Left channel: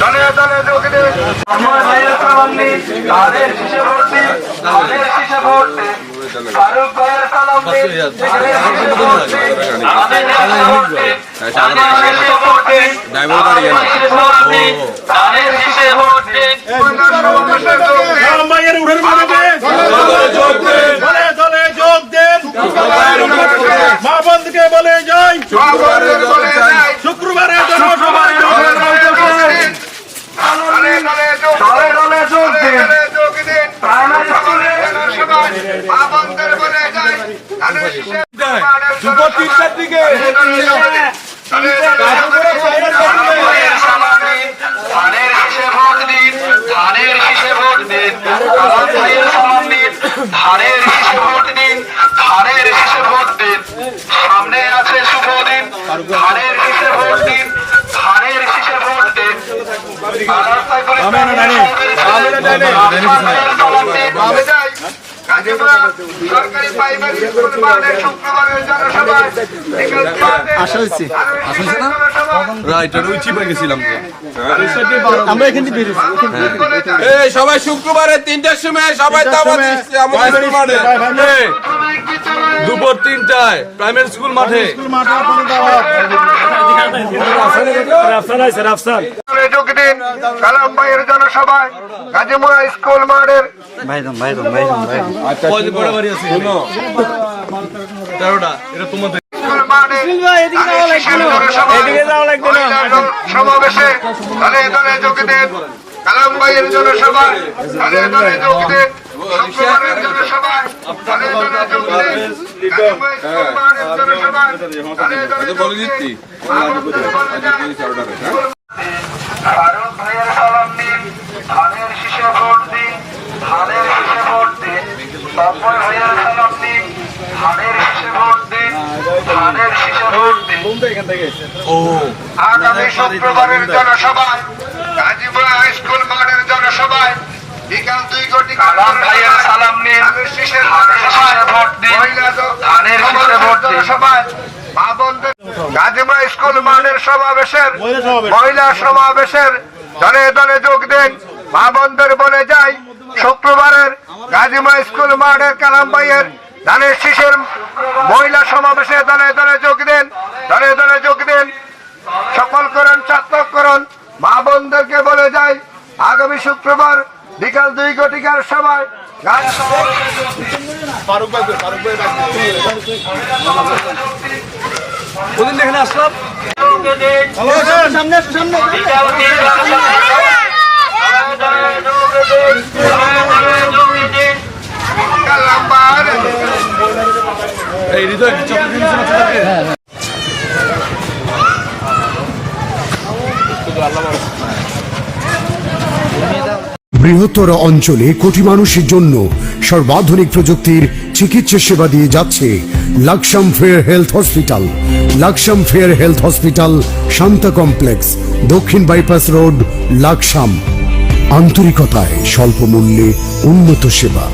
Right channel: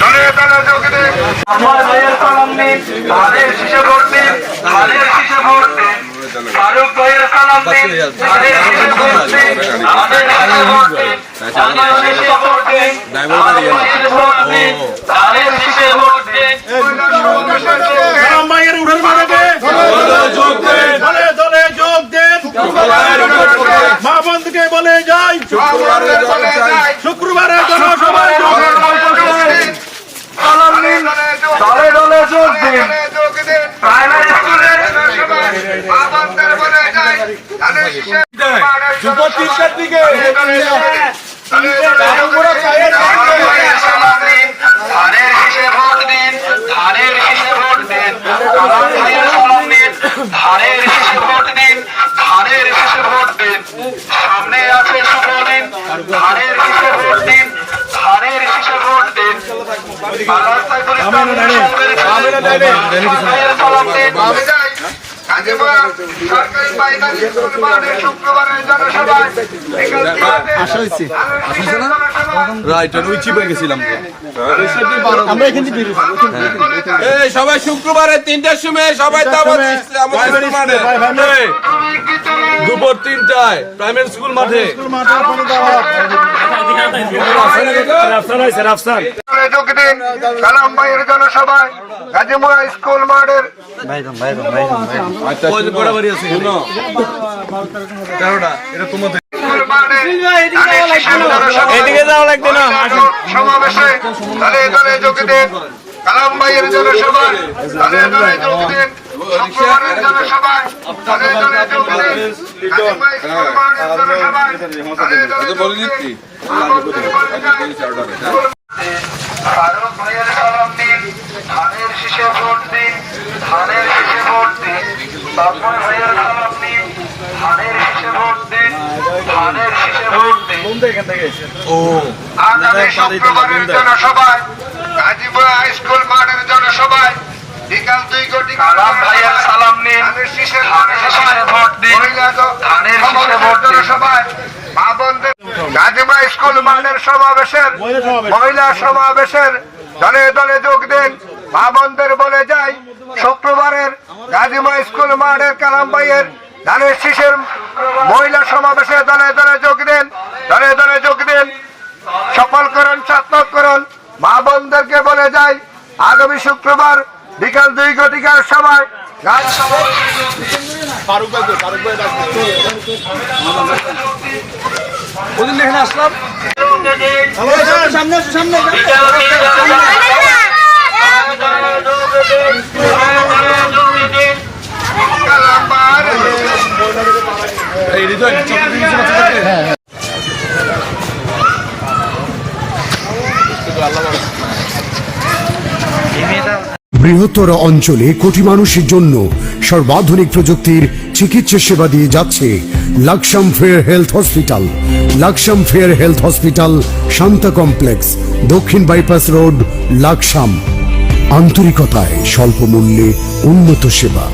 দলে দলে যোগ দিন। আমার ভাইয়ের সালাম নিন, ধানের শীষে ভোট দিন, ধানের শীষে ভোট দিন। ফারুক ভাইয়ের সালাম নিন, ধানের শীষে ভোট দিন, ধানের শীষে ভোট দিন, ধানের শীষে ভোট দিন, ধানের শীষে ভোট দিন, ধানের শীষে ভোট দিন। মায়ের উঠের মাঠে দলে দলে যোগ দেন। মা বন্ধুকে বলে যাই শুক্রবারের জনসভায় দলে দলে যোগ দিন। প্রাইমারি স্কুলে দুপুর 3টার দিকে ধানের শীষে ভোট দিন, ধানের শীষে ভোট দিন। কালাম ভাইয়ের সালাম নিন, ধানের শীষে ভোট দিন, ধানের শীষে ভোট দিন। সামনে আছে শুভ দিন, ধানের শীষে ভোট দিন, ধানের শীষে ভোট দিন। সরকারি প্রাইমারি স্কুল মাঠে শুক্রবারের জনসভায় সবাই শুক্রবারে 3টার সময় সবাই দুপুর 3টায় প্রাইমারি স্কুল মাঠে যোগ দিন। কালাম ভাইয়ের জনসভায় গাজীপুরা স্কুল মাঠের 13টা এটা তোমাদের স্কুল মাঠে সমাবেশে দলে দলে যোগ দিন। কালাম ভাইয়ের জনসভায় দলে দলে যোগ দিন। শুক্রবারের জনসভায় দলে দলে যোগ দিন। গাজীপুরা স্কুল মাঠের জনসভায় দলে দলে যোগ দিন। আমন্ত্রণ বলে যাই। ফারুক ভাইয়ের সালাম নিন, ধানের শীষে ভোট দিন, ধানের শীষে ভোট দিন। তপন ভাইয়ের সালাম নিন, ধানের শীষে ভোট দিন, ধানের শীষে ভোট দিন। আগামী শুক্রবারের জনসভায় গাজীপুরা হাই স্কুল মাঠের জনসভায় বিকাল 2 কোটি কালাম ভাইয়ের সালাম নিন, ধানের শীষে ভোট দিন, ধানের শীষে ভোট দিন। জনসভায় মা বোনদের গাজীপুরা স্কুল মাঠের সমাবেশের মহিলা সমাবেশের দলে দলে যোগ দিন। মা বোনদের বলে যাই শুক্রবারের গাজীপুরা স্কুল মাঠের কালাম ভাইয়ের ধানের শীষের মহিলা সমাবেশে দলে দলে যোগ দিন। দলে দলে যোগ দিন। সফল করুন, সার্থক করুন। মা বোনদেরকে বলে যাই আগামী শুক্রবার বিকাল 2 ঘটিকার সময় ওদিন এখানে আসলাম কালাম্বার বৃহত্তর অঞ্চলে কোটি মানুষের জন্য সর্বাধুনিক প্রযুক্তির চিকিৎসা সেবা দিয়ে যাচ্ছে Laksam fair health hospital. Laksam fair health hospital, Shanta complex, দক্ষিণ বাইপাস রোড, লাকসাম। আন্তরিকতায় স্বল্প মূল্যে উন্নত সেবা।